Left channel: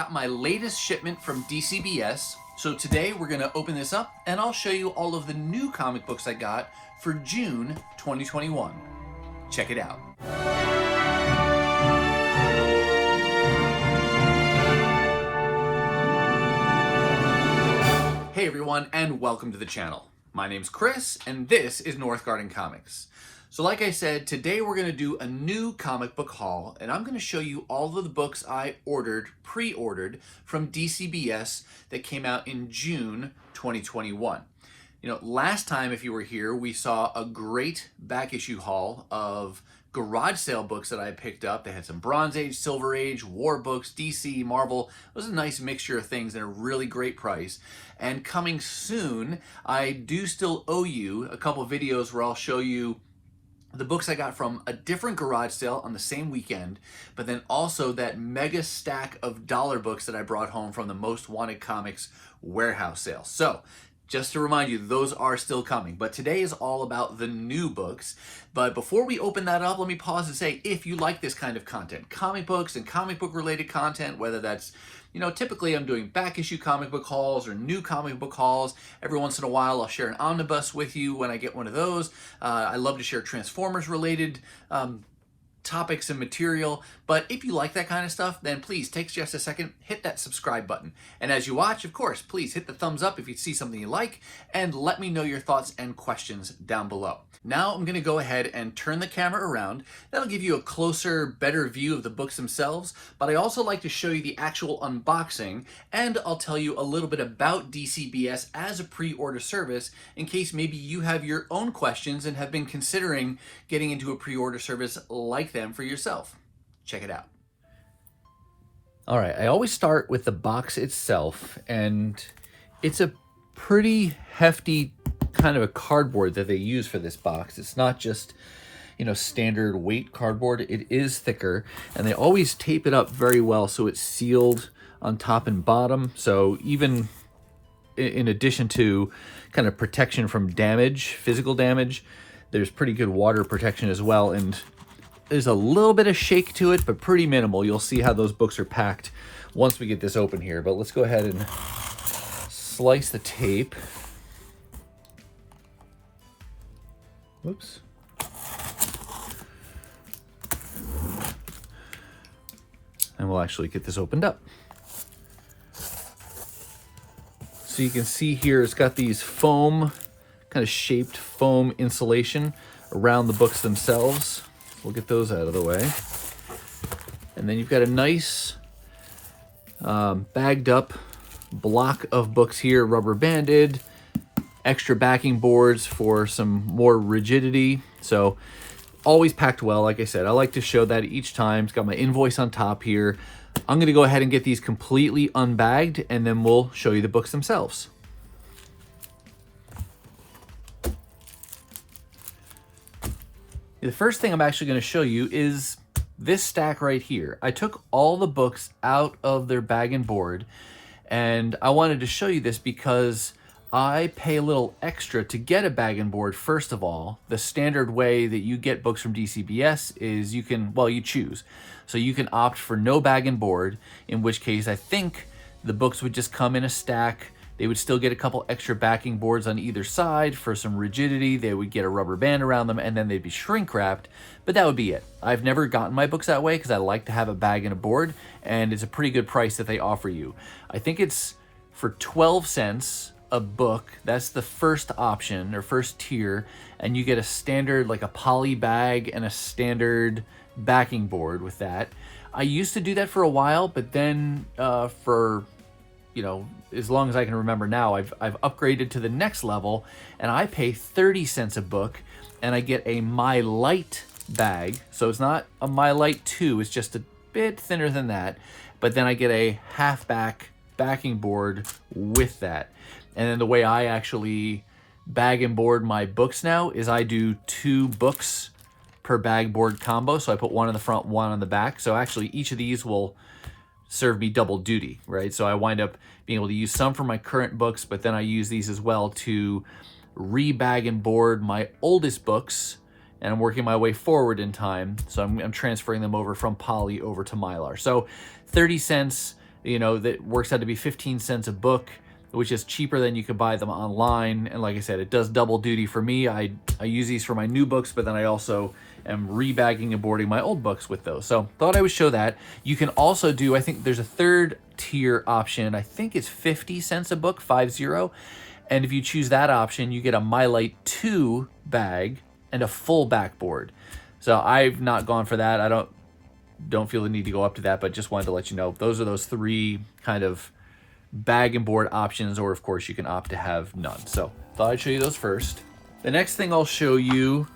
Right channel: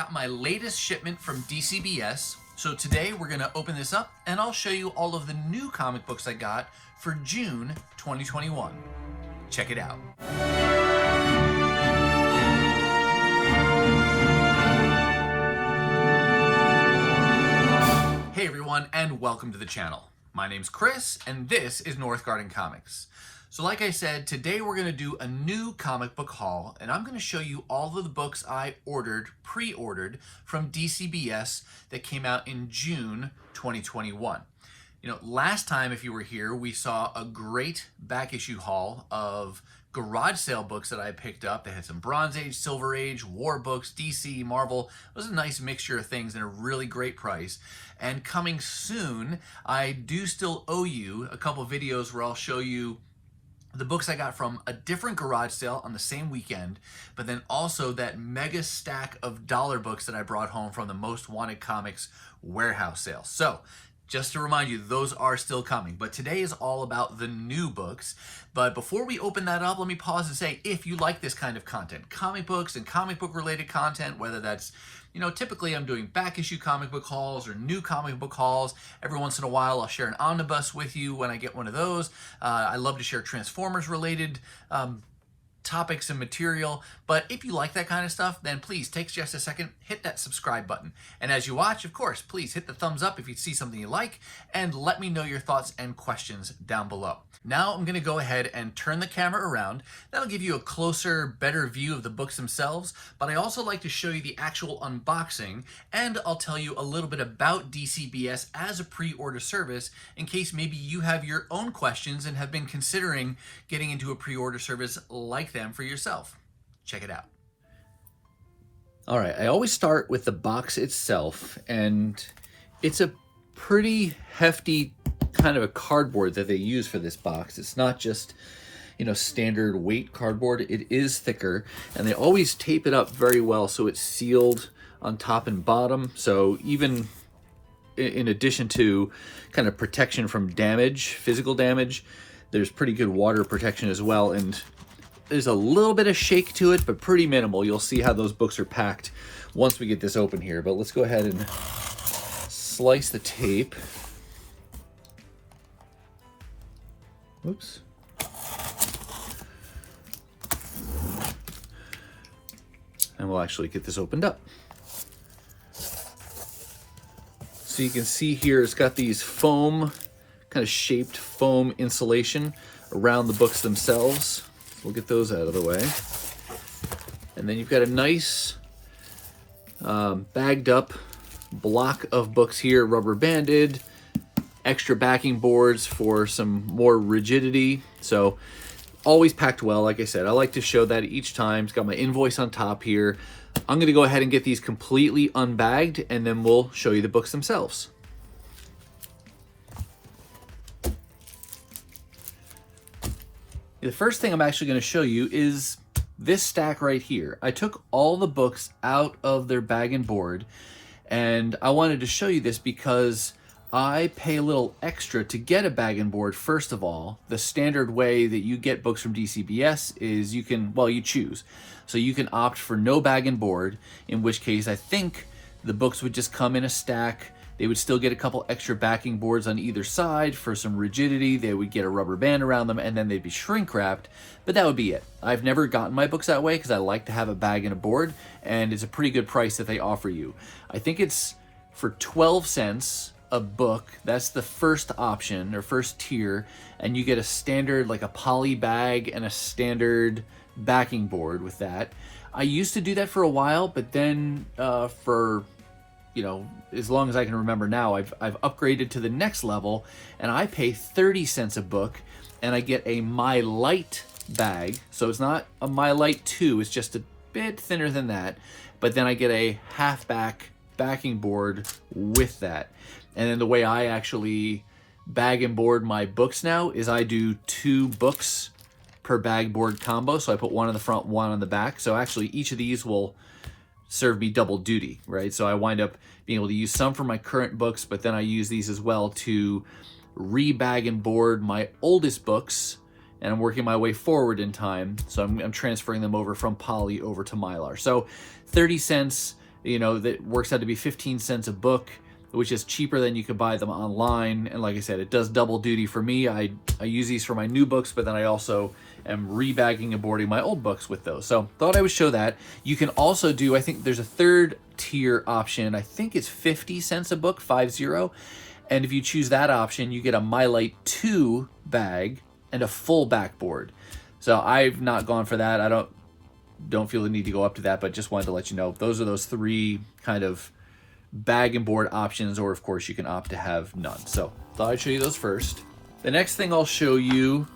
got my latest shipment from DCBS. So today we're gonna open this up and I'll show you all of the new comic books I got for June 2021. Check it out. Hey everyone, and welcome to the channel. My name's Chris, and this is Northgarden Comics. So like I said, today we're gonna do a new comic book haul, and I'm gonna show you all of the books I pre-ordered from DCBS that came out in June 2021. You know, last time, if you were here, we saw a great back issue haul of garage sale books that I picked up. They had some Bronze Age, Silver Age, war books, DC, Marvel. It was a nice mixture of things at a really great price. And coming soon, I do still owe you a couple videos where I'll show you the books I got from a different garage sale on the same weekend, but then also that mega stack of dollar books that I brought home from the Most Wanted Comics warehouse sale. So just to remind you, those are still coming. But today is all about the new books. But before we open that up, let me pause and say, if you like this kind of content, comic books and comic book related content, whether that's, you know, typically I'm doing back issue comic book hauls or new comic book hauls. Every once in a while, I'll share an omnibus with you when I get one of those. I love to share Transformers related topics and material. But if you like that kind of stuff, then please take just a second, hit that subscribe button. And as you watch, of course, please hit the thumbs up if you see something you like, and let me know your thoughts and questions down below. Now I'm gonna go ahead and turn the camera around. That'll give you a closer, better view of the books themselves, but I also like to show you the actual unboxing, and I'll tell you a little bit about DCBS as a pre-order service in case maybe you have your own questions and have been considering getting into a pre-order service like them for yourself. Check it out. All right, I always start with the box itself, and it's a pretty hefty kind of a cardboard that they use for this box. It's not just, you know, standard weight cardboard. It is thicker, and they always tape it up very well so it's sealed on top and bottom. So even in addition to kind of protection from damage, physical damage, there's pretty good water protection as well. And there's a little bit of shake to it, but pretty minimal. You'll see how those books are packed once we get this open here. But let's go ahead and slice the tape. Oops. And we'll actually get this opened up. So you can see here, it's got these foam, kind of shaped foam insulation around the books themselves. We'll get those out of the way. And then you've got a nice bagged up block of books here, rubber banded, extra backing boards for some more rigidity. So always packed well. Like I said, I like to show that each time. It's got my invoice on top here. I'm going to go ahead and get these completely unbagged, and then we'll show you the books themselves. The first thing I'm actually going to show you is this stack right here. I took all the books out of their bag and board, and I wanted to show you this because I pay a little extra to get a bag and board. First of all, the standard way that you get books from DCBS is you can, well, you choose. So you can opt for no bag and board, in which case I think the books would just come in a stack. They would still get a couple extra backing boards on either side for some rigidity. They would get a rubber band around them, and then they'd be shrink wrapped, but that would be it. I've never gotten my books that way because I like to have a bag and a board, and it's a pretty good price that they offer you. I think it's for 12 cents a book. That's the first option or first tier, and you get a standard, like a poly bag and a standard backing board with that. I used to do that for a while, but then for, you know, as long as I can remember now, I've upgraded to the next level, and I pay 30 cents a book, and I get a My Light bag. So it's not a My Light 2, it's just a bit thinner than that, but then I get a half-back backing board with that. And then the way I actually bag and board my books now is I do 2 books per bag board combo. So I put one on the front, one on the back. So actually each of these will serve me double duty, right? So I wind up being able to use some for my current books, but then I use these as well to re-bag and board my oldest books, and I'm working my way forward in time. So I'm transferring them over from poly over to Mylar. So 30 cents that works out to be 15 cents a book, which is cheaper than you could buy them online. And like I said, it does double duty for me. I use these for my new books, but then I also am rebagging and boarding my old books with those. So thought I would show that. You can also do, I think there's a third tier option. I think it's 50 cents a book, 50. And if you choose that option, you get a My Light 2 bag and a full backboard. So I've not gone for that. I don't feel the need to go up to that, but just wanted to let you know those are those three kind of bag and board options, or of course you can opt to have none. So thought I'd show you those first. The next thing I'll show you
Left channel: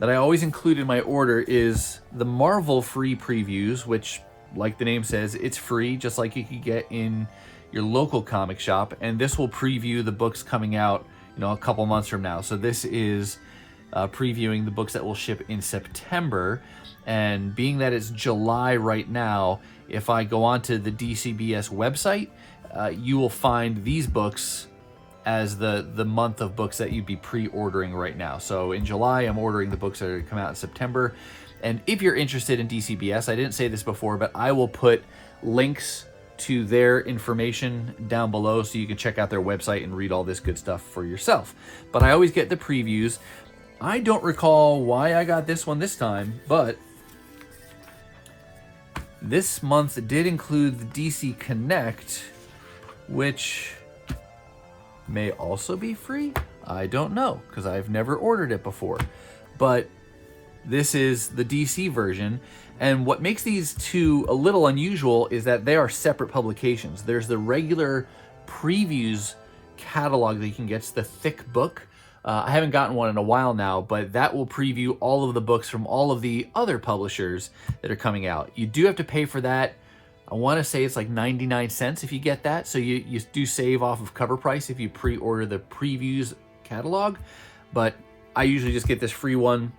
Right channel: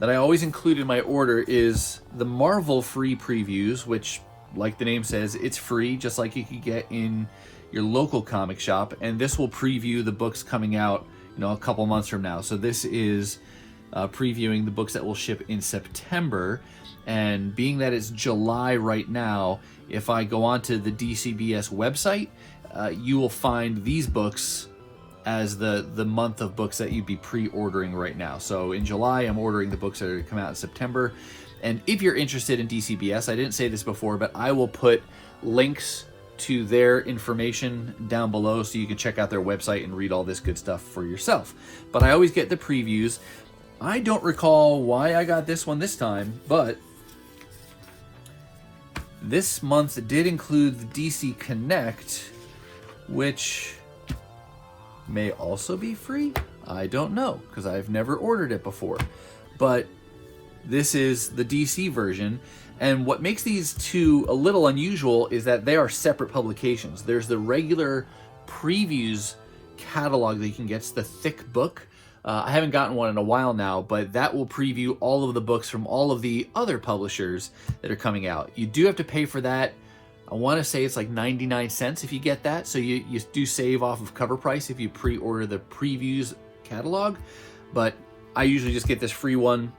that I always include in my order is the Marvel free previews, which, like the name says, it's free, just like you could get in your local comic shop. And this will preview the books coming out, a couple months from now. So this is previewing the books that will ship in September. And being that it's July right now, if I go onto the DCBS website, you will find these books as the month of books that you'd be pre-ordering right now. So in July, I'm ordering the books that are come out in September. And if you're interested in DCBS, I didn't say this before, but I will put links to their information down below so you can check out their website and read all this good stuff for yourself. But I always get the previews. I don't recall why I got this one this time, but this month did include the DC Connect, which may also be free. I don't know, because I've never ordered it before. But this is the DC version. And what makes these two a little unusual is that they are separate publications. There's the regular previews catalog that you can get. It's the thick book. I haven't gotten one in a while now, but that will preview all of the books from all of the other publishers that are coming out. You do have to pay for that. I want to say it's like 99 cents if you get that. So you do save off of cover price if you pre-order the previews catalog. But I usually just get this free one.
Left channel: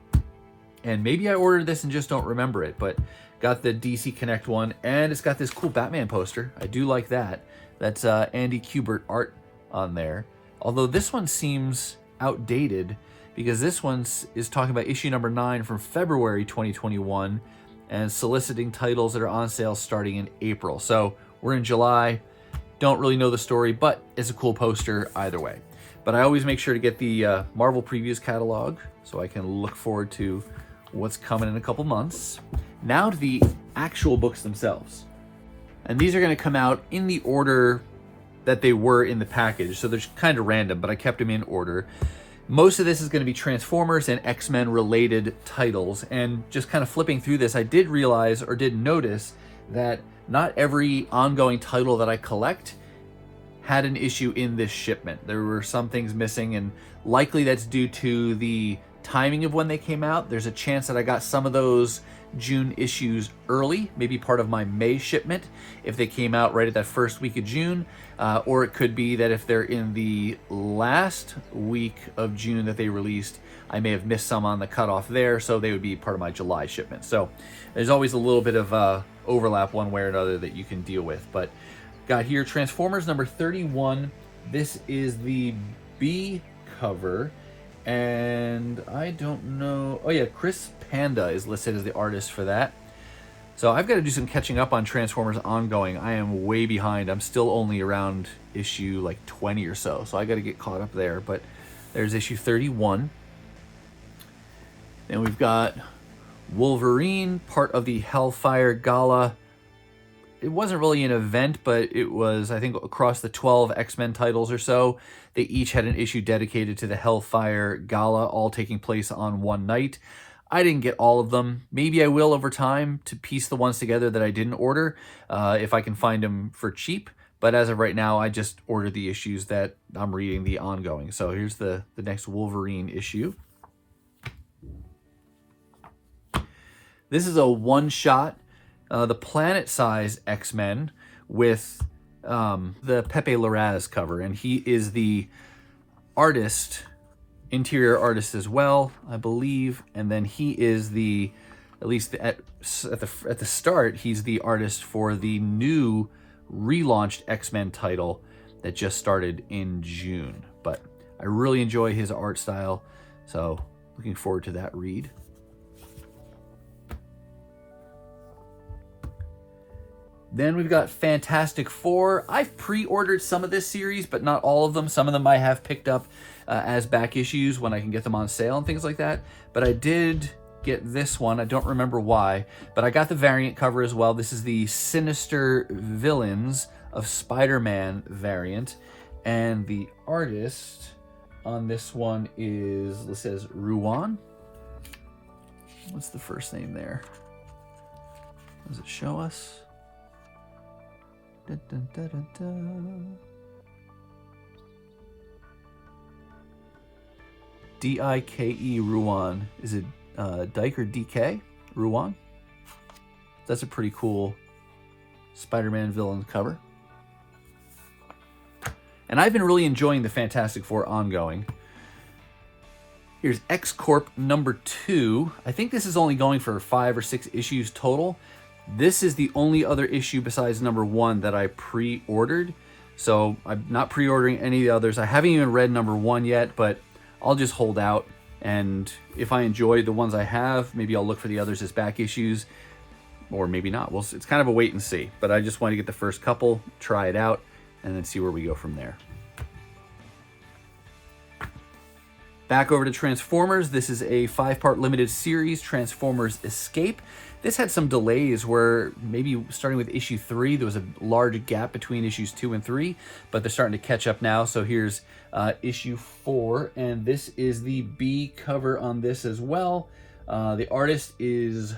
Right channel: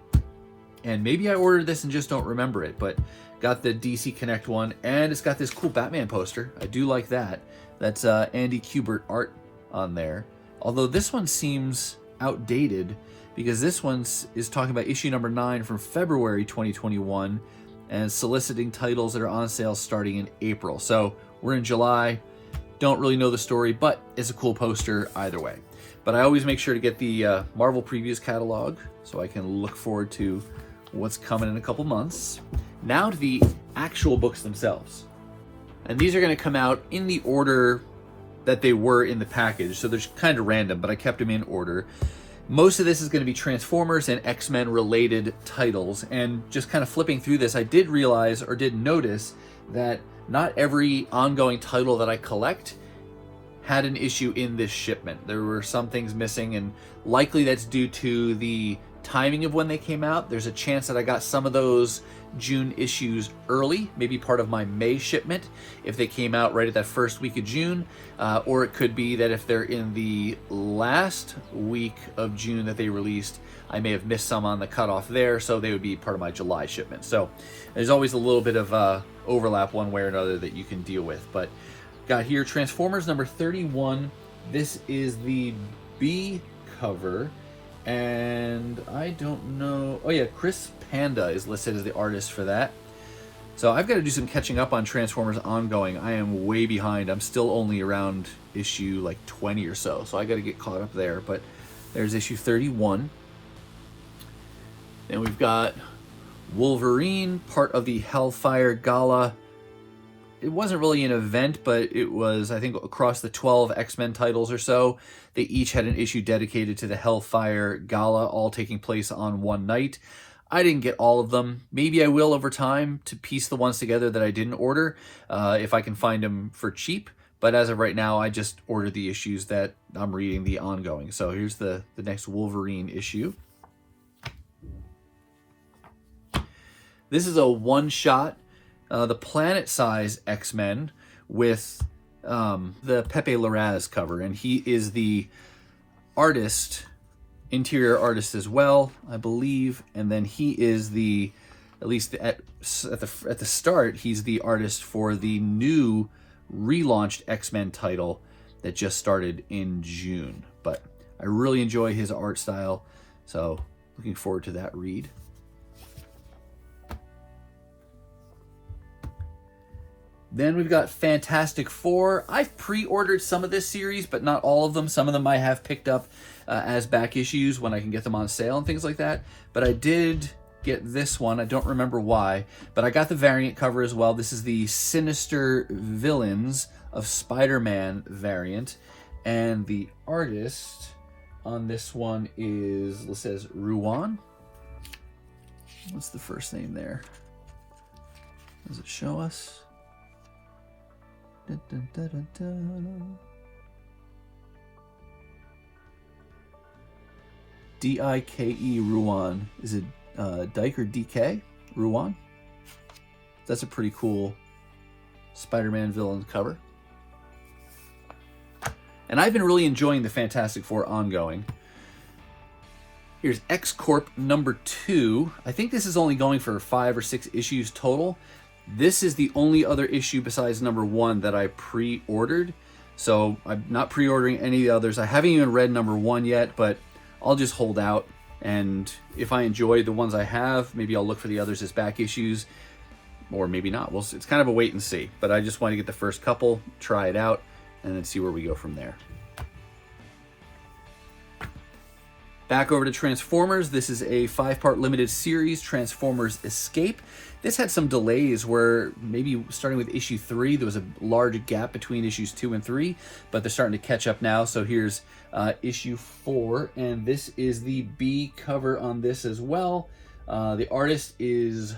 And maybe I ordered this and just don't remember it. But got the DC Connect one. And it's got this cool Batman poster. I do like that. That's Andy Kubert art on there. Although this one seems outdated, because this one is talking about issue number 9 from February 2021 and soliciting titles that are on sale starting in April. So we're in July. Don't really know the story, but it's a cool poster either way. But I always make sure to get the Marvel Previews catalog so I can look forward to what's coming in a couple months. Now to the actual books themselves. And these are going to come out in the order that they were in the package. So they're kind of random, but I kept them in order. Most of this is going to be Transformers and X-Men related titles. And just kind of flipping through this, I did realize or did notice that not every ongoing title that I collect had an issue in this shipment. There were some things missing, and likely that's due to the timing of when they came out. There's a chance that I got some of those June issues early, maybe part of my May shipment if they came out right at that first week of June, or it could be that if they're in the last week of June that they released, I may have missed some on the cutoff there, so they would be part of my July shipment. So there's always a little bit of overlap one way or another that you can deal with. But got here Transformers number 31. This is the B cover, and I don't know. Oh yeah, Chris Panda is listed as the artist for that. So I've got to do some catching up on Transformers ongoing. I am way behind. I'm still only around issue like 20 or so. So I got to get caught up there. But there's issue 31. And we've got Wolverine, part of the Hellfire Gala. It wasn't really an event, but it was, I think, across the 12 X-Men titles or so. They each had an issue dedicated to the Hellfire Gala, all taking place on one night. I didn't get all of them. Maybe I will over time to piece the ones together that I didn't order, if I can find them for cheap. But as of right now, I just ordered the issues that I'm reading, the ongoing. So here's the next Wolverine issue. This is a one-shot, the planet-size X-Men with the Pepe Larraz cover. And he is the artist, interior artist as well, I believe. And then he is the, at least at the start, he's the artist for the new relaunched X-Men title that just started in June. But I really enjoy his art style, so looking forward to that read. Then we've got Fantastic Four. I've pre-ordered some of this series, but not all of them. Some of them I have picked up as back issues when I can get them on sale and things like that. But I did get this one. I don't remember why, but I got the variant cover as well. This is the Sinister Villains of Spider-Man variant. And the artist on this one is, it says Ruan. What's the first name there? Does it show us? Dun, dun, dun, dun, dun. D-I-K-E, Ruan. Is it Dyke or DK? Ruan? That's a pretty cool Spider-Man villain cover. And I've been really enjoying the Fantastic Four ongoing. Here's X-Corp number 2. I think this is only going for 5 or 6 issues total. This is the only other issue besides number 1 that I pre-ordered. So I'm not pre-ordering any of the others. I haven't even read number 1 yet, but I'll just hold out. And if I enjoy the ones I have, maybe I'll look for the others as back issues, or maybe not. Well, it's kind of a wait and see. But I just want to get the first couple, try it out, and then see where we go from there. Back over to Transformers. This is a 5-part limited series, Transformers Escape. This had some delays where maybe starting with issue 3, there was a large gap between issues 2 and 3, but they're starting to catch up now. So here's issue 4, and this is the B cover on this as well. The artist is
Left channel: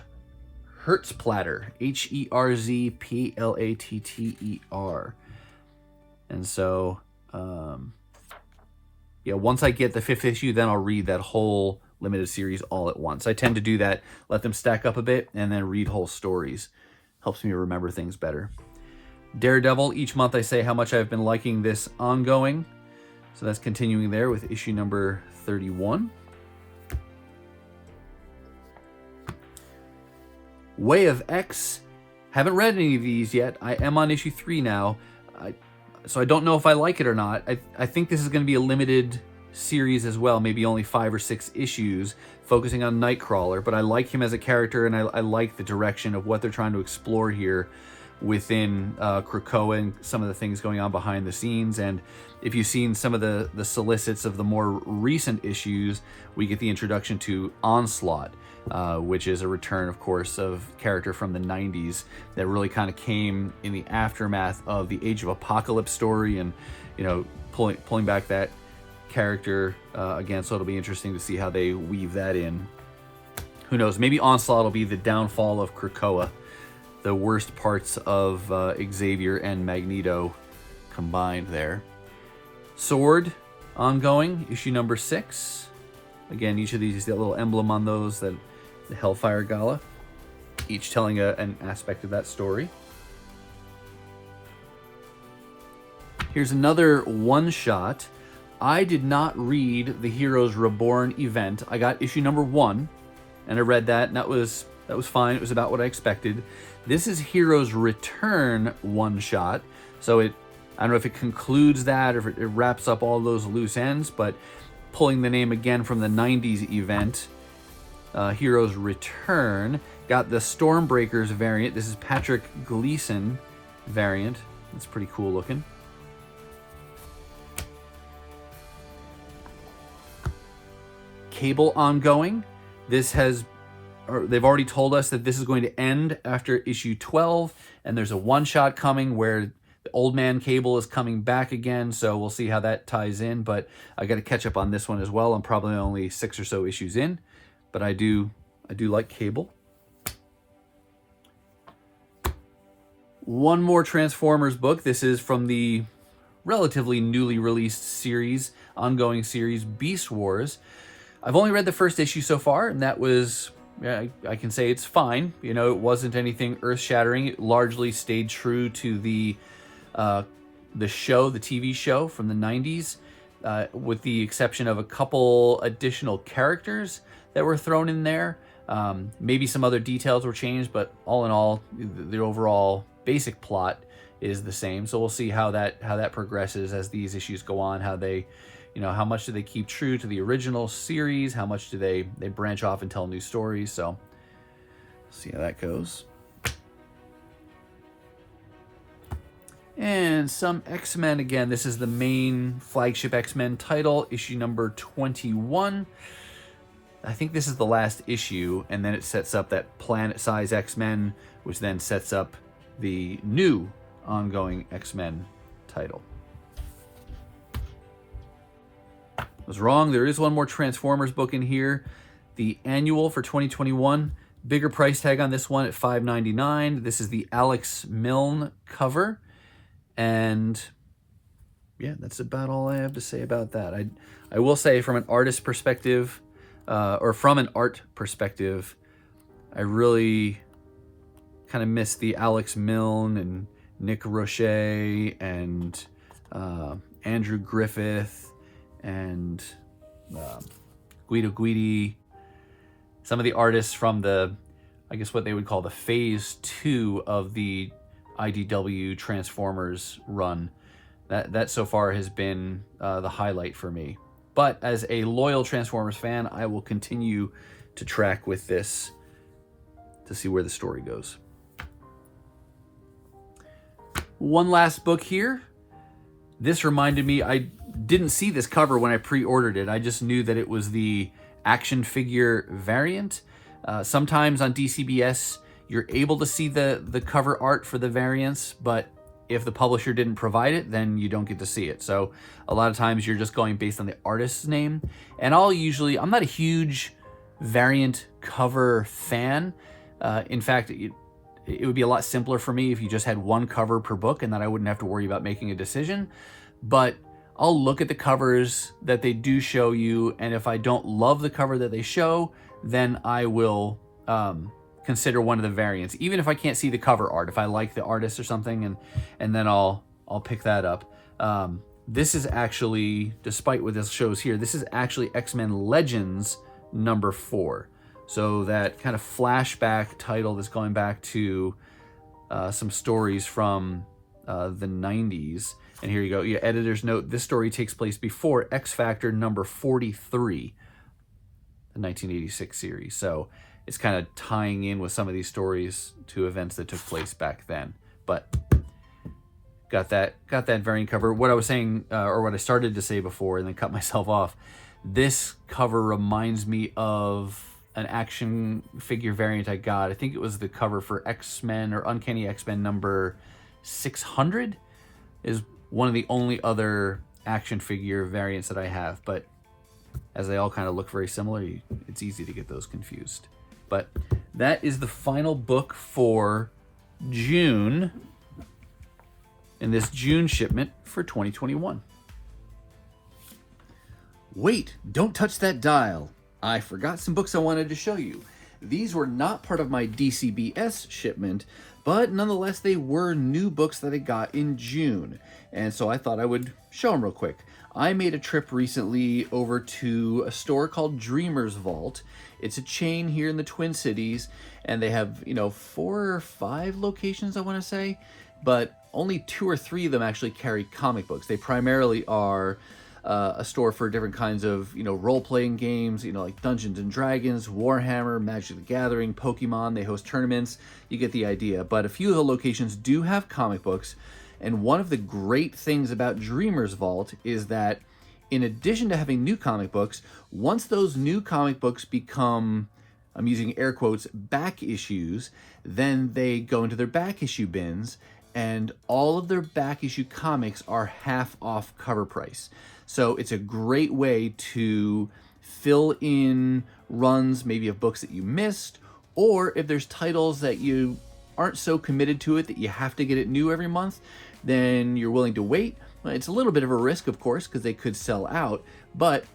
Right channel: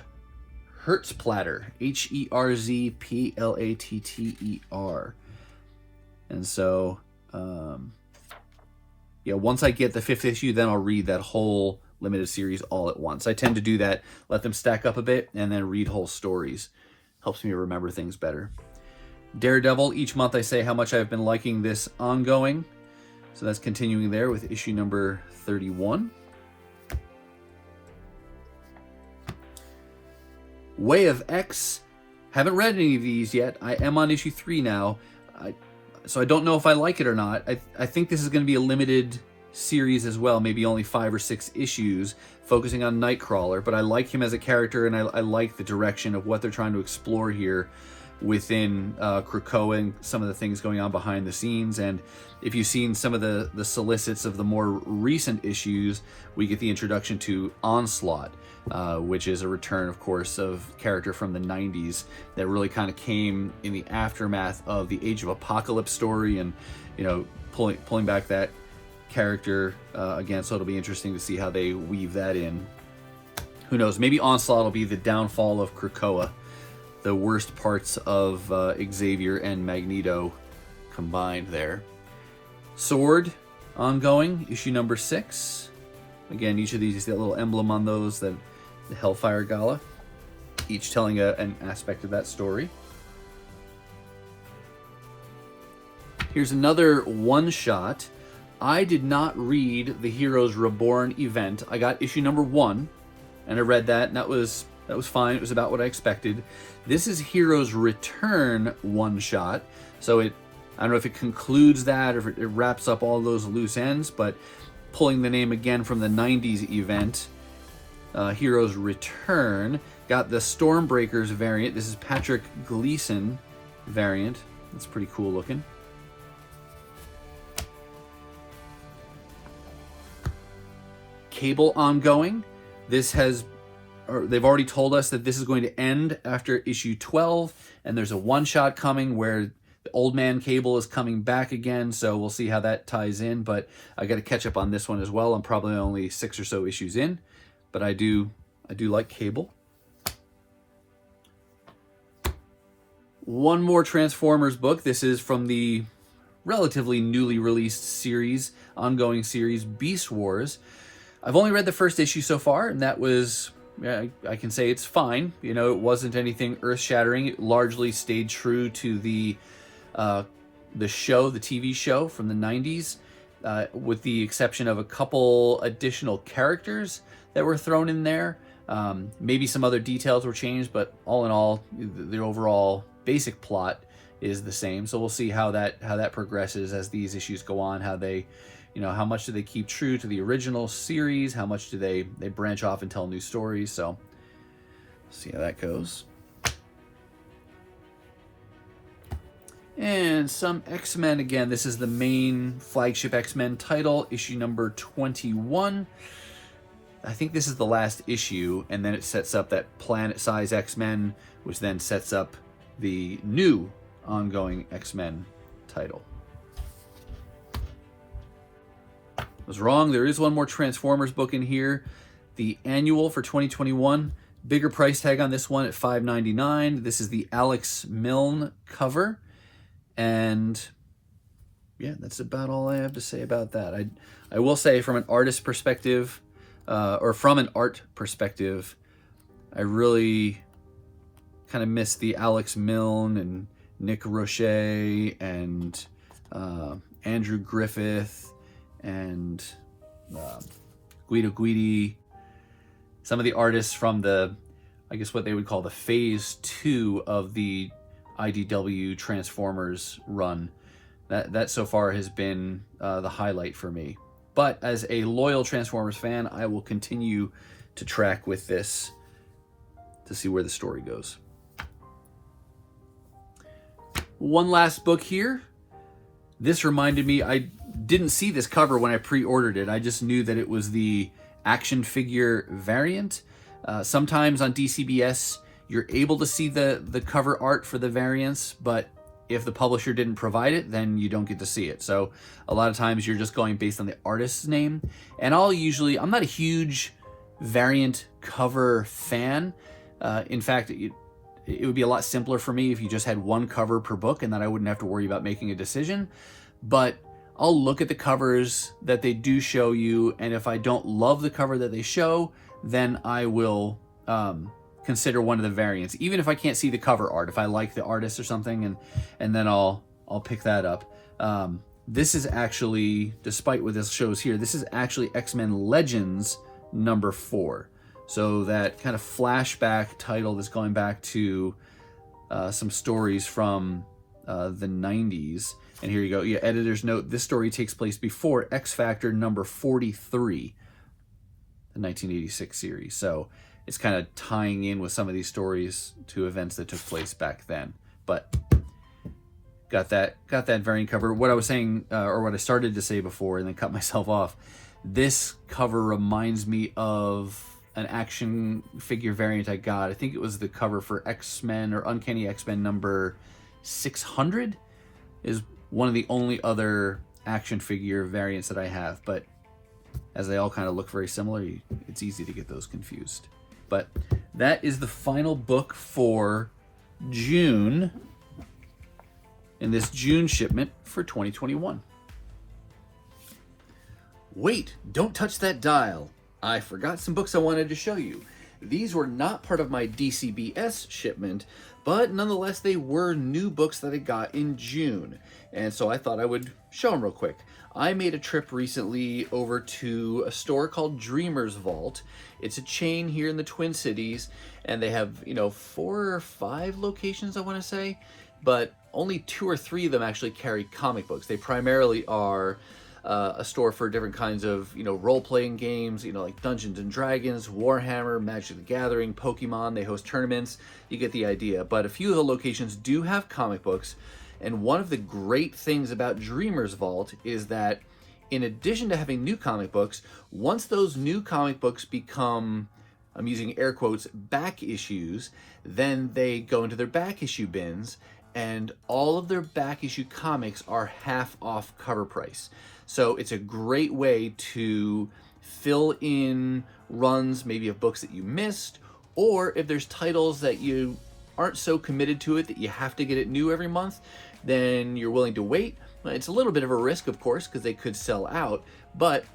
Herzplatter, Herzplatter. And so, yeah, once I get the 5th issue, then I'll read that whole limited series all at once. I tend to do that, let them stack up a bit, and then read whole stories. Helps me remember things better. Daredevil, each month I say how much I've been liking this ongoing. So that's continuing there with issue number 31. Way of X. Haven't read any of these yet. I am on issue 3 now. So I don't know if I like it or not. I think this is going to be a limited series as well, maybe only 5 or 6 issues, focusing on Nightcrawler. But I like him as a character, and I like the direction of what they're trying to explore here within Krakoa and some of the things going on behind the scenes. And if you've seen some of the solicits of the more recent issues, we get the introduction to Onslaught, which is a return, of course, of character from the 90s that really kind of came in the aftermath of the Age of Apocalypse story, and, you know, pulling back that character again. So it'll be interesting to see how they weave that in. Who knows? Maybe Onslaught will be the downfall of Krakoa, the worst parts of Xavier and Magneto combined there. Sword, ongoing, issue number 6. Again, each of these is that little emblem on those, that the Hellfire Gala, each telling an aspect of that story. Here's another one-shot. I did not read the Heroes Reborn event. I got issue number 1, and I read that, and that was fine. It was about what I expected. This is Heroes Return one-shot, so I don't know if it concludes that or if it wraps up all those loose ends, but pulling the name again from the 90s event, Heroes Return, got the Stormbreakers variant. This is Patrick Gleason variant. It's pretty cool looking. Cable ongoing. They've already told us that this is going to end after issue 12, and there's a one-shot coming where the old man Cable is coming back again, so we'll see how that ties in. But I got to catch up on this one as well. I'm probably only 6 or so issues in, but I do like Cable. One more Transformers book. This is from the relatively newly released series, ongoing series, Beast Wars. I've only read the first issue so far, and that was, I can say it's fine. You know, it wasn't anything earth-shattering. It largely stayed true to the show, the TV show from the 90s, with the exception of a couple additional characters that were thrown in there. Maybe some other details were changed, but all in all, the overall basic plot is the same. So we'll see how that progresses as these issues go on, how they, you know, how much do they keep true to the original series, how much do they branch off and tell new stories. So see how that goes. And some X-Men. Again, this is the main flagship X-Men title, issue number 21. I think this is the last issue, and then it sets up that planet-size X-Men, which then sets up the new ongoing X-Men title. I was wrong. There is one more Transformers book in here. The annual for 2021. Bigger price tag on this one at $5.99. This is the Alex Milne cover. And yeah, that's about all I have to say about that. I will say from an artist perspective, or from an art perspective, I really kind of miss the Alex Milne and Nick Roche and Andrew Griffith and Guido Guidi. Some of the artists from the, I guess what they would call the phase 2 of the IDW Transformers run. That so far has been the highlight for me. But as a loyal Transformers fan, I will continue to track with this to see where the story goes. One last book here. This reminded me, I didn't see this cover when I pre-ordered it. I just knew that it was the action figure variant. Sometimes on DCBS, you're able to see the cover art for the variants, but if the publisher didn't provide it, then you don't get to see it. So a lot of times you're just going based on the artist's name. And I'm not a huge variant cover fan. In fact, it would be a lot simpler for me if you just had one cover per book and then I wouldn't have to worry about making a decision. But I'll look at the covers that they do show you, and if I don't love the cover that they show, then I will consider one of the variants, even if I can't see the cover art. If I like the artist or something, and then I'll pick that up. This is actually, despite what this shows here, this is actually X-Men Legends number 4. So that kind of flashback title that's going back to some stories from the 90s. And here you go. Yeah, editor's note, this story takes place before X Factor number 43, the 1986 series. So it's kind of tying in with some of these stories to events that took place back then. But got that variant cover. What I was saying, or what I started to say before and then cut myself off, this cover reminds me of an action figure variant I got. I think it was the cover for X-Men or Uncanny X-Men number 600 is one of the only other action figure variants that I have. But as they all kind of look very similar, it's easy to get those confused. But that is the final book for June in this June shipment for 2021. Wait, don't touch that dial. I forgot some books I wanted to show you. These were not part of my DCBS shipment, but nonetheless, they were new books that I got in June. And so I thought I would show them real quick. I made a trip recently over to a store called Dreamer's Vault. It's a chain here in the Twin Cities, and they have, 4 or 5 locations, I want to say, but only 2 or 3 of them actually carry comic books. They primarily are a store for different kinds of, role-playing games, like Dungeons and Dragons, Warhammer, Magic the Gathering, Pokemon. They host tournaments. You get the idea. But a few of the locations do have comic books. And one of the great things about Dreamer's Vault is that in addition to having new comic books, once those new comic books become, I'm using air quotes, back issues, then they go into their back issue bins, and all of their back issue comics are half off cover price. So it's a great way to fill in runs maybe of books that you missed, or if there's titles that you aren't so committed to it that you have to get it new every month, then you're willing to wait. It's a little bit of a risk, of course, because they could sell out, but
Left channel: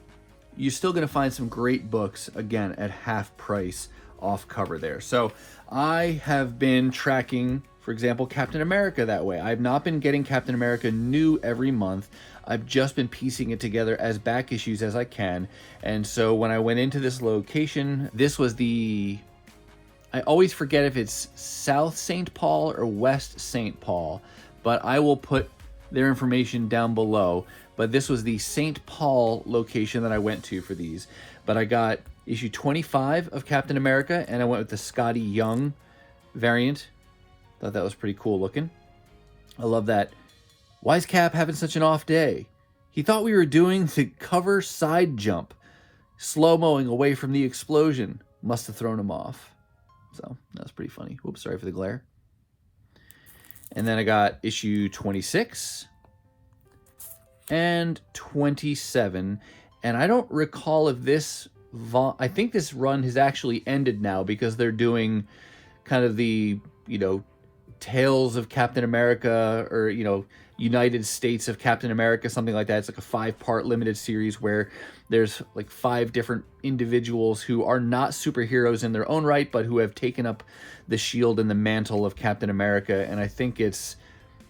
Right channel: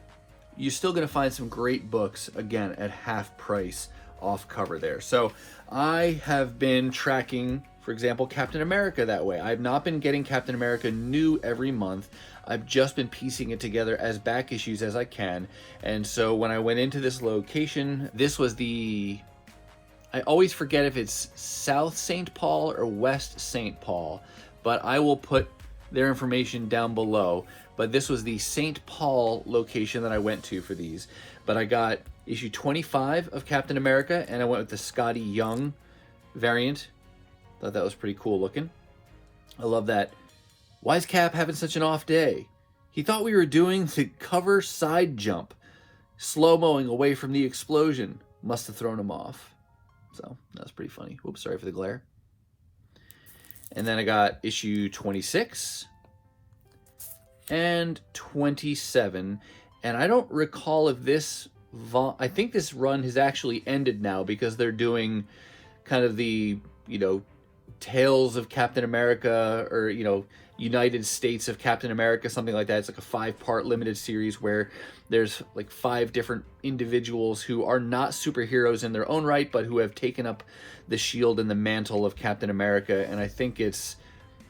you're still going to find some great books, again, at half price off cover there. So I have been tracking, for example, Captain America that way. I've not been getting Captain America new every month. I've just been piecing it together as back issues as I can. And so when I went into this location, this was I always forget if it's South St. Paul or West St. Paul, but I will put their information down below. But this was the St. Paul location that I went to for these. But I got issue 25 of Captain America, and I went with the Scotty Young variant. Thought that was pretty cool looking. I love that Why's Cap having such an off day? He thought we were doing the cover side jump. Slow-moing away from the explosion. Must have thrown him off. So, that was pretty funny. Oops, sorry for the glare. And then I got issue 26 and 27. And I don't recall if this... I think this run has actually ended now because they're doing kind of the, Tales of Captain America, or, United States of Captain America, something like that. It's like a 5-part limited series where there's like 5 different individuals who are not superheroes in their own right, but who have taken up the shield and the mantle of Captain America. And I think it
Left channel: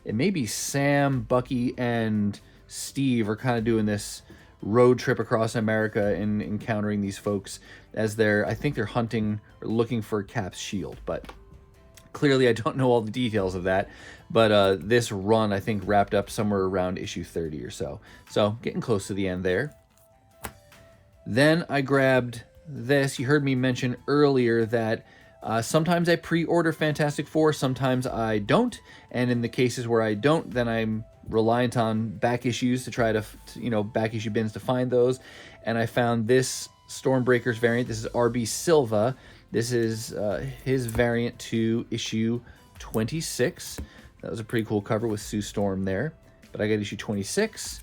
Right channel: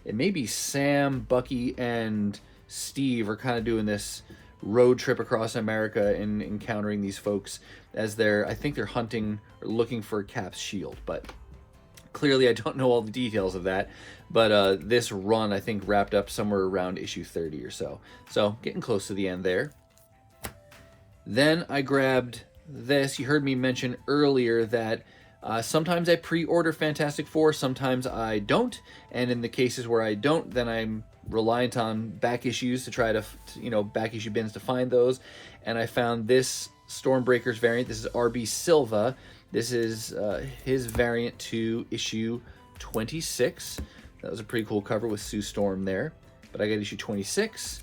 may be Sam, Bucky, and Steve are kind of doing this road trip across America and encountering these folks as I think they're hunting or looking for Cap's shield. But clearly I don't know all the details of that. But this run, I think, wrapped up somewhere around issue 30 or so. So getting close to the end there. Then I grabbed this. You heard me mention earlier that sometimes I pre-order Fantastic Four, sometimes I don't. And in the cases where I don't, then I'm reliant on back issues to try to, back issue bins to find those. And I found this Stormbreakers variant. This is R.B. Silva. This is his variant to issue 26. That was a pretty cool cover with Sue Storm there. But I got issue 26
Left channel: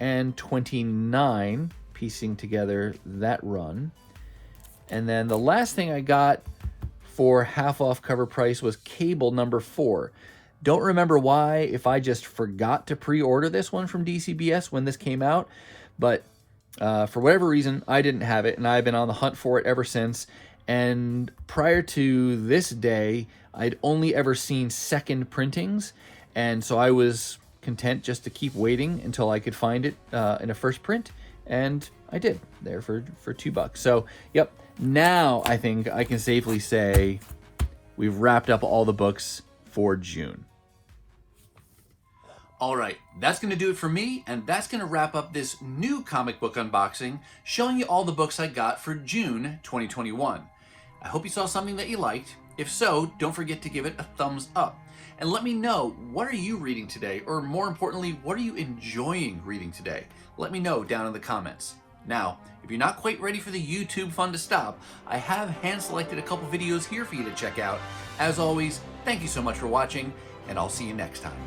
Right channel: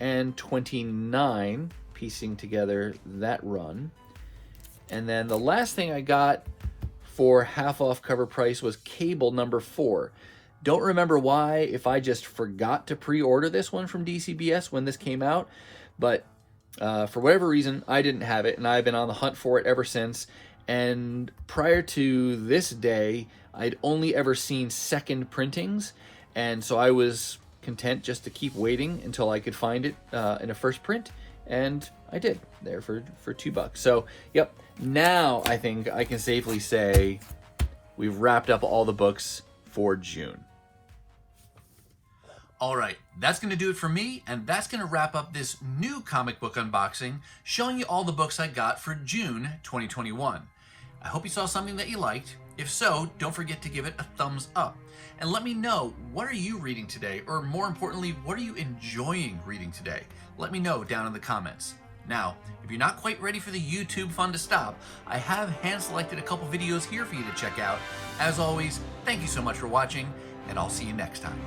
and 29, piecing together that run. And then the last thing I got for half off cover price was Cable number 4. Don't remember why, if I just forgot to pre-order this one from DCBS when this came out, but for whatever reason, I didn't have it, and I've been on the hunt for it ever since. And prior to this day, I'd only ever seen second printings, and so I was content just to keep waiting until I could find it in a first print, and I did there for $2. So, yep, now I think I can safely say we've wrapped up all the books for June. All right, that's going to do it for me, and that's going to wrap up this new comic book unboxing, showing you all the books I got for June 2021. I hope you saw something that you liked. If so, don't forget to give it a thumbs up. And let me know, what are you reading today? Or more importantly, what are you enjoying reading today? Let me know down in the comments. Now, if you're not quite ready for the YouTube fun to stop, I have hand-selected a couple videos here for you to check out. As always, thank you so much for watching, and I'll see you next time.